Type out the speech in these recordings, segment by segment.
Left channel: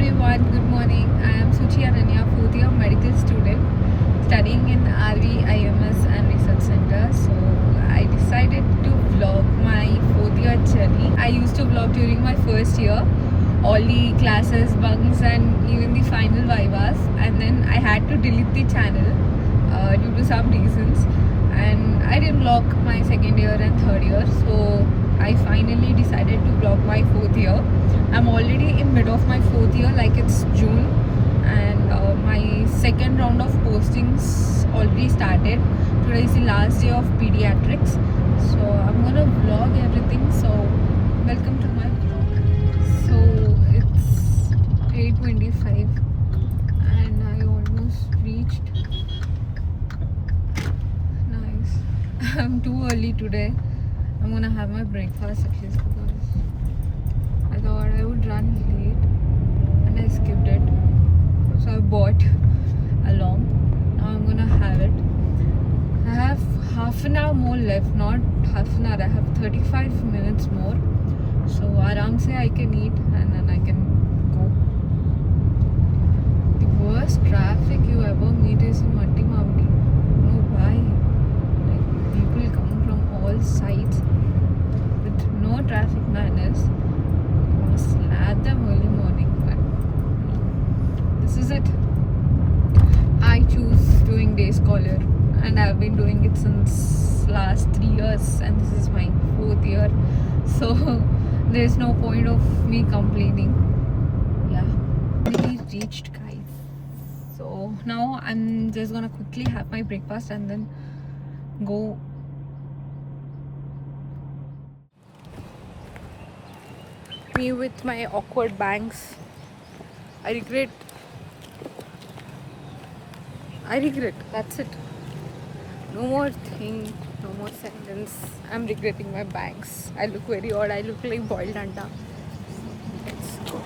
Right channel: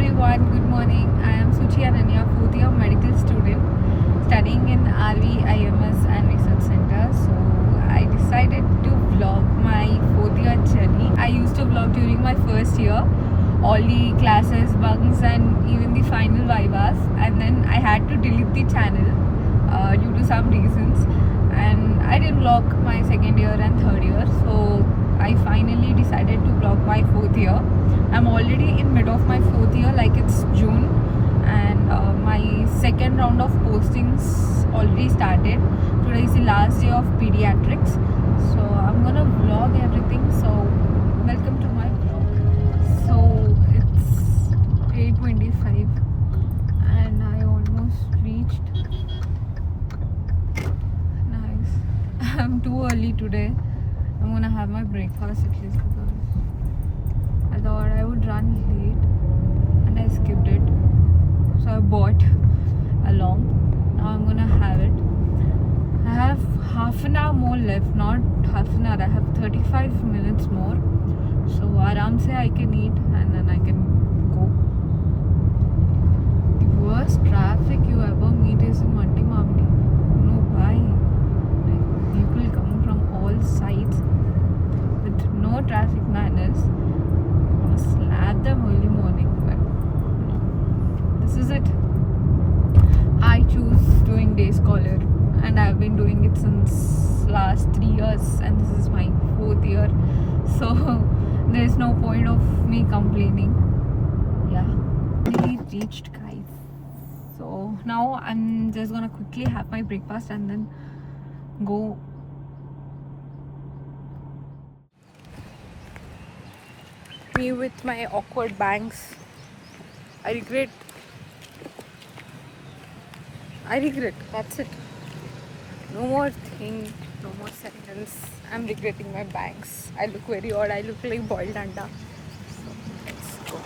everyone, good morning. I am Suchi Ananya, fourth year medical student studying in RV IMS and Research Center. So I decided to vlog my fourth year journey. I used to vlog during my first year, all the classes, bunks and even the final vivas, and then I had to delete the channel due to some reasons, and I didn't vlog my second year and third year. So I finally decided to vlog my fourth year. I'm already in mid of my fourth year, like it's June, and my second round of postings already started. Today is the last day of pediatrics, so I'm gonna vlog everything. So welcome to my vlog. So it's 8:25 and I almost reached. Nice. I'm too early today. I'm gonna have my breakfast at least because I thought I would run late and I skipped it. So I bought along. Now I'm gonna have it. I have half an hour more left, not half an hour. I have 35 minutes more. So aram se I can eat and then I can go. The worst traffic you ever meet is in Manti Mamdi. I don't know why. Like people come from all sides with no traffic manners. I want to slap them early morning, but no. This is it. I choose doing day scholar, and I've been doing it since last 3 years, and this is my fourth year. So there's no point of me complaining. Yeah, we reached, guys. So now I'm just gonna quickly have my breakfast and then go. Me with my awkward bangs. I regret. That's it. No more thing. No more sentence. I'm regretting my bangs. I look very odd. I look like boiled anda. So let's go.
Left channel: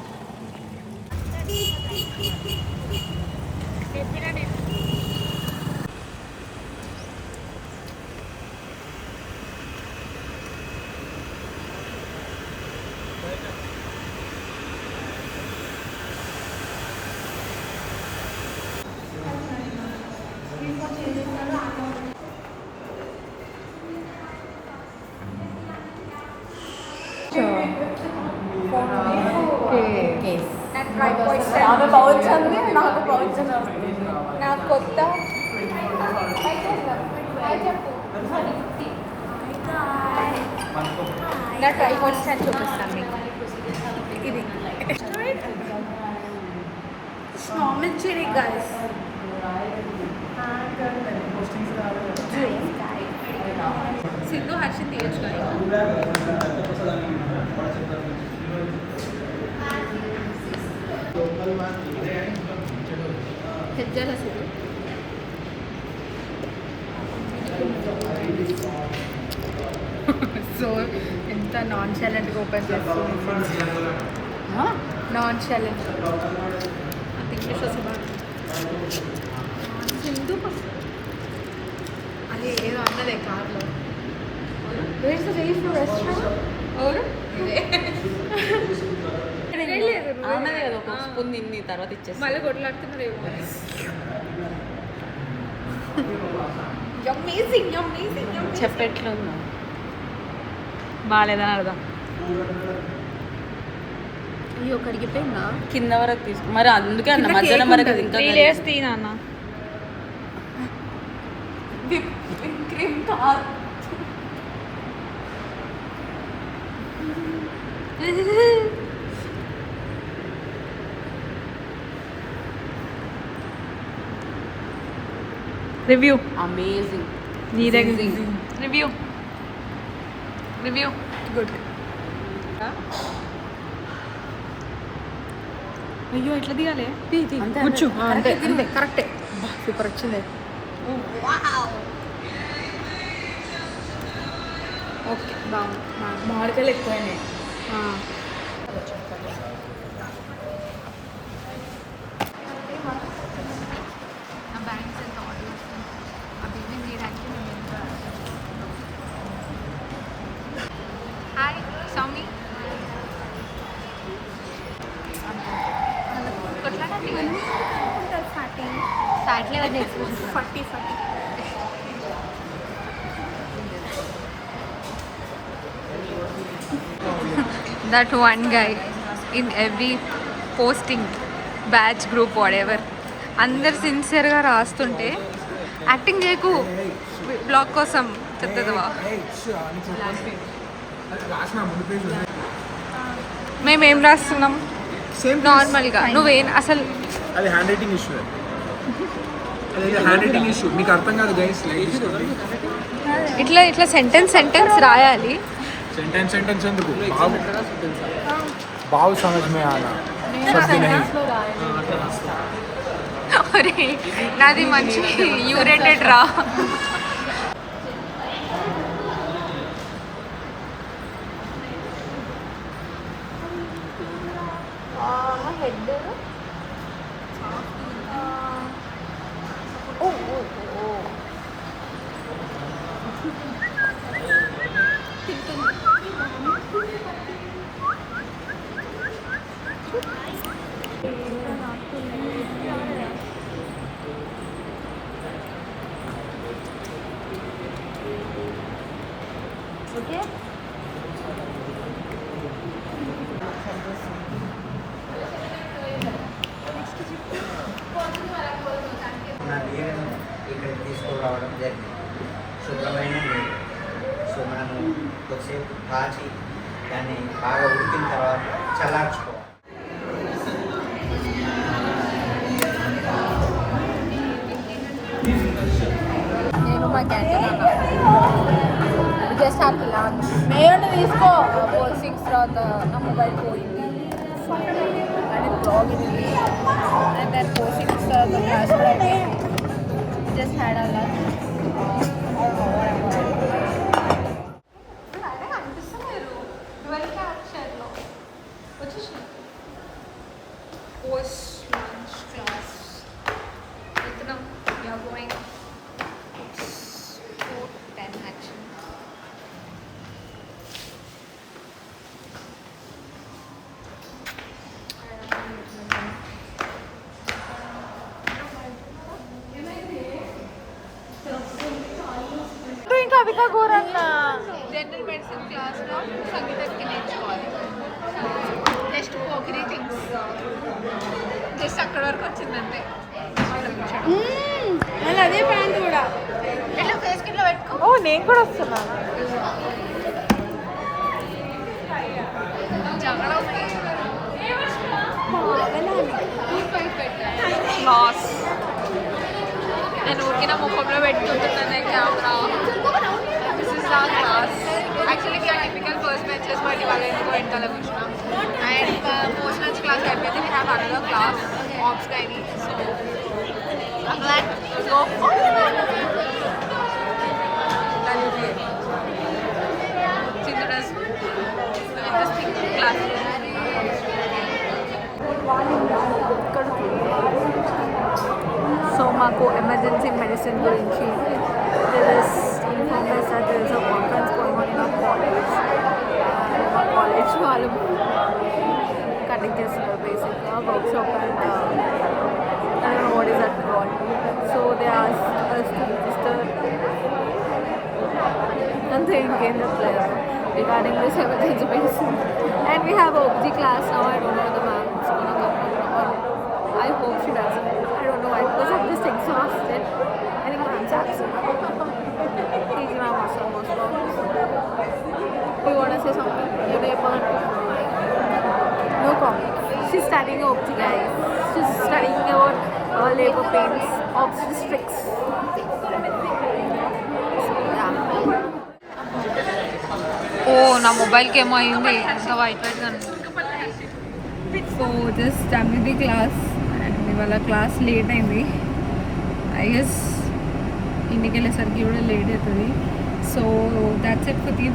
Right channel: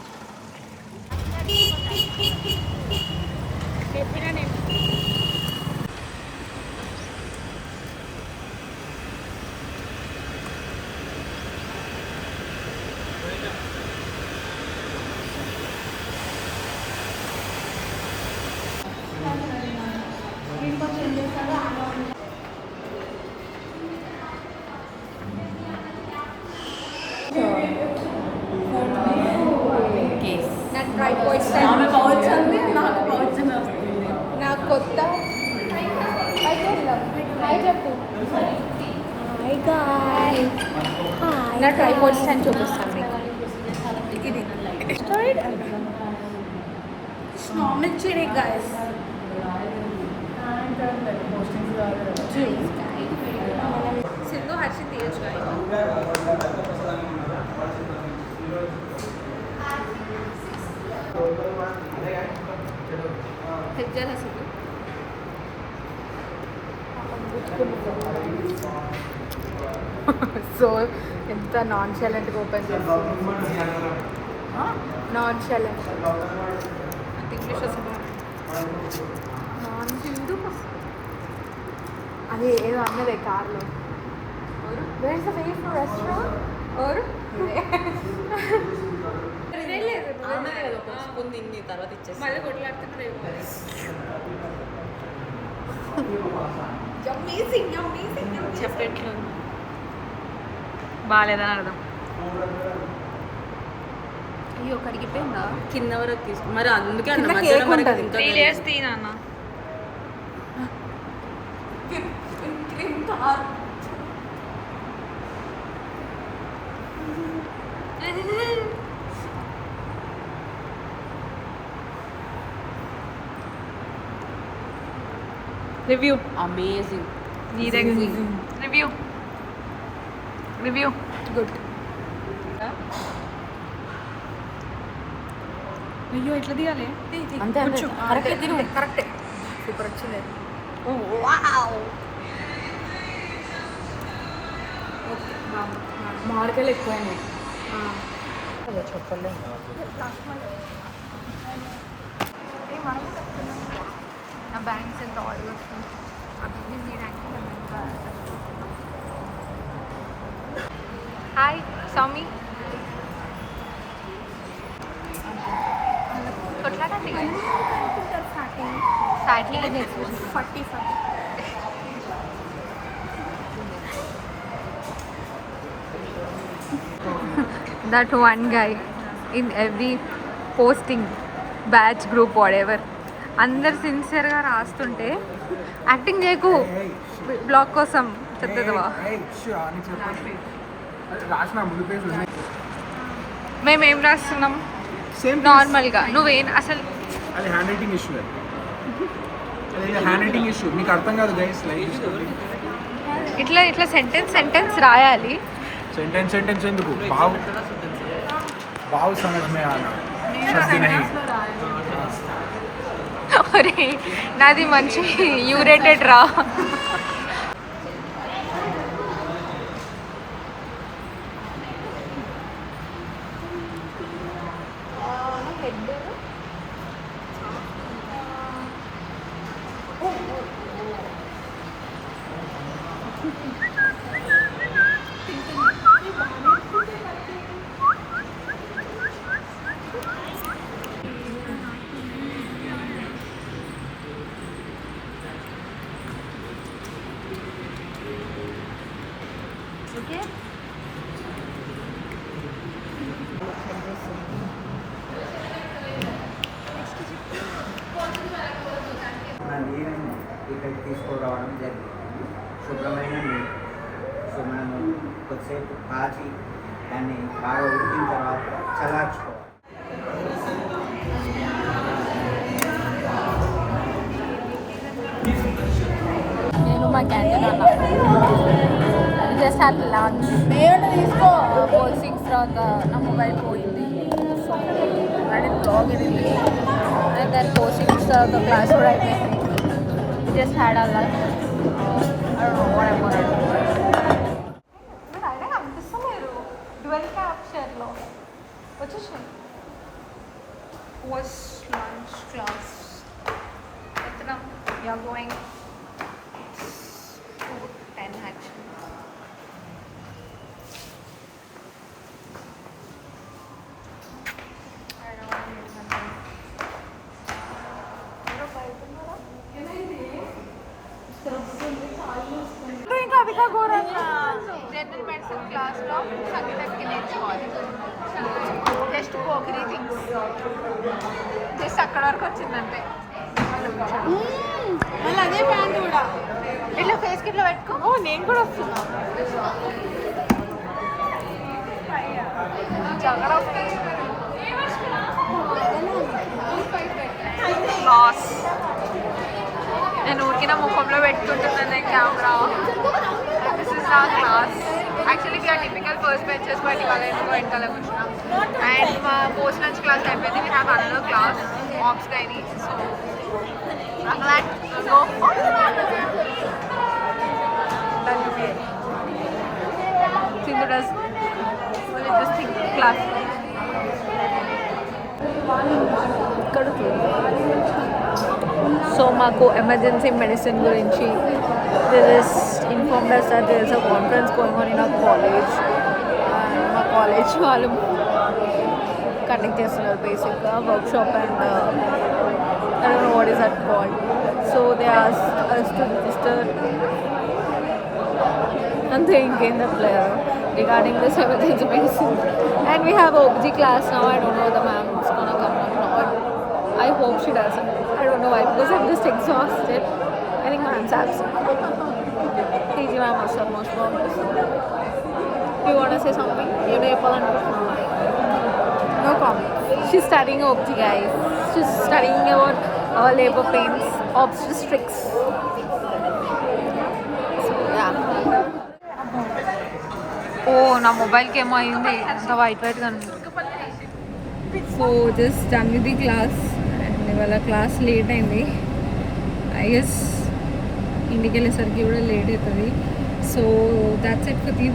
నా tripod stand నా కొత్త పైకి వెళ్దాం. హాయ్ చెప్పు. నా tripod stand చూపిస్తాను మీకు. Normal చెరీ గైస్. సిల్లు హర్షిని తీయచ్చు. హెజ్జాల సిల్లు సో ఎంత నాన్ చాలెంట్గా ఓపెన్ చేస్తుంది. నాన్ చాలెంట్ అంత ఇంగ్లీష్ వస్తుంది. హిందూ అదే ఏదో అన్నదే కార్లో. తర్వాత ఇచ్చేసి మళ్ళీ కొట్లాడుతున్నారు. చెప్పెట్లు బాగాలేదని అర్థం. అయ్యో కరిగిపోయిందా? కింద వరకు తీసుకు మరి అందుకే అన్న మధ్యాహ్నం వరకు ఇంత చేస్తే నాన్న రివ్యూ. అమేజింగ్. Review good. అయ్యో ఎట్లా తీయాలి? కరెక్టే. సూపర్ వచ్చింది. ఓకే మామిడికాయలు ఎక్కువైనాయి. నా బ్యాంక్స్ ఎంత ఆర్డర్ వస్తుంది అవి ఇవి తీయడానికి మేము ఎంత. హాయ్ సౌమి. మాట్లాడండి ఫ్యాట్లీ అది ఎక్స్ప్రెషన్ 40 that one guy in every posting batch group whatever అందరు సిన్సియర్గా రాస్తుంటే యాక్టింగ్ చేయకు బ్లాగ్ కోసం చెప్తుందివా మేమేం రాస్తున్నాం నార్మల్గా నువ్వేం అసలు అది హ్యాండ్ రైటింగ్ ఇష్యూ అది హ్యాండ్ రైటింగ్ ఇష్యూ మీకు అర్థం కాదు గైస్ లైక్ ఇట్లా ఇట్లా సెంటెన్స్ రాయాలి सेंटेंस ఎందుకు भाव समझ में आना शब्द नहीं అరే నాది మంచి యూరేటెడ్ రా ఇక్కడ తీసుకురావడం జరిగింది శుభ్రమైన నీళ్ళు సో మనము కొద్దిసేపు కాచి దాన్ని బాగా ఉడికిన తర్వాత చల్లార్చుకోవాలి నేను మా క్యాంటీన్ అన్న జస్ట్ హ్యావ్ లంచ్ పోస్టింగ్స్ తర్వాత నా మొబైల్ పోయింది సో అండ్ బ్లాగ్ ఇది అండ్ దాని పోస్టింగ్స్ తర్వాత క్లాస్ కూడా అయిపోయింది జస్ట్ హ్యాడ్ అ లంచ్ అయినా కనిపిస్తలేరు డ్వెల్ క్యాప్చర్లో వచ్చేసాయి పోస్ట్ లంచ్ క్లాస్ ఎత్తనం you're going 10 action. General medicine క్లాస్లో సంగీతానికి నేర్చుకోవాలి జస్ట్ పోకిరీ థింగ్స్ జస్ట్ అక్కడ వరకు వచ్చిందంతే మళ్ళీ అదే ప్యాంట్ కూడా ఇట్లా ఫేస్ కిట్లో పెట్టుకో నేను కూడా వస్తున్నా లాస్ నేను ఊరికిన ముఖంలో పెట్టుకుంటున్నాను కెమెరా దిస్ ఇస్ నా class actually we are typical first benches but ఇవాళ ఎందుకో వెనకాల కూర్చున్నాం అండ్ పోస్ట్ లంచ్ క్లాస్ అయిపోయింది we have another class ops guide so go Chindudas full interesting class so మాకు ఎమర్జెన్సీ మెడిసిన్ గురించి ఇన్ఫార్మ్ చేస్తారు there is a conference going on in our college and మా కాలేజ్ వాళ్ళు కండక్ట్ చేస్తున్నారు బేసిక్గా workshop and I don't know what is that called. So they asked us to register and they gain the player regarding this emergency medicine. And we have OBG class now. I don't know the ma'am is gonna come or not. I hope she doesn't. I don't know why because I'm just exhausted. I think ma'am's absent. Please ma'am also most probably. Do you wanna say something? You know, no comment. She's studying OBG guys. She's studying about labor pains, obstetrics. So yeah. Oh, నా మొబైల్కి ఏమో అయింది అంత వైట్గా so just done with the class and ఇవాళ class late అయింది I guess ఇంటికి వెళ్ళేసరికి కూడా లేట్ అవుతుంది so that's it for the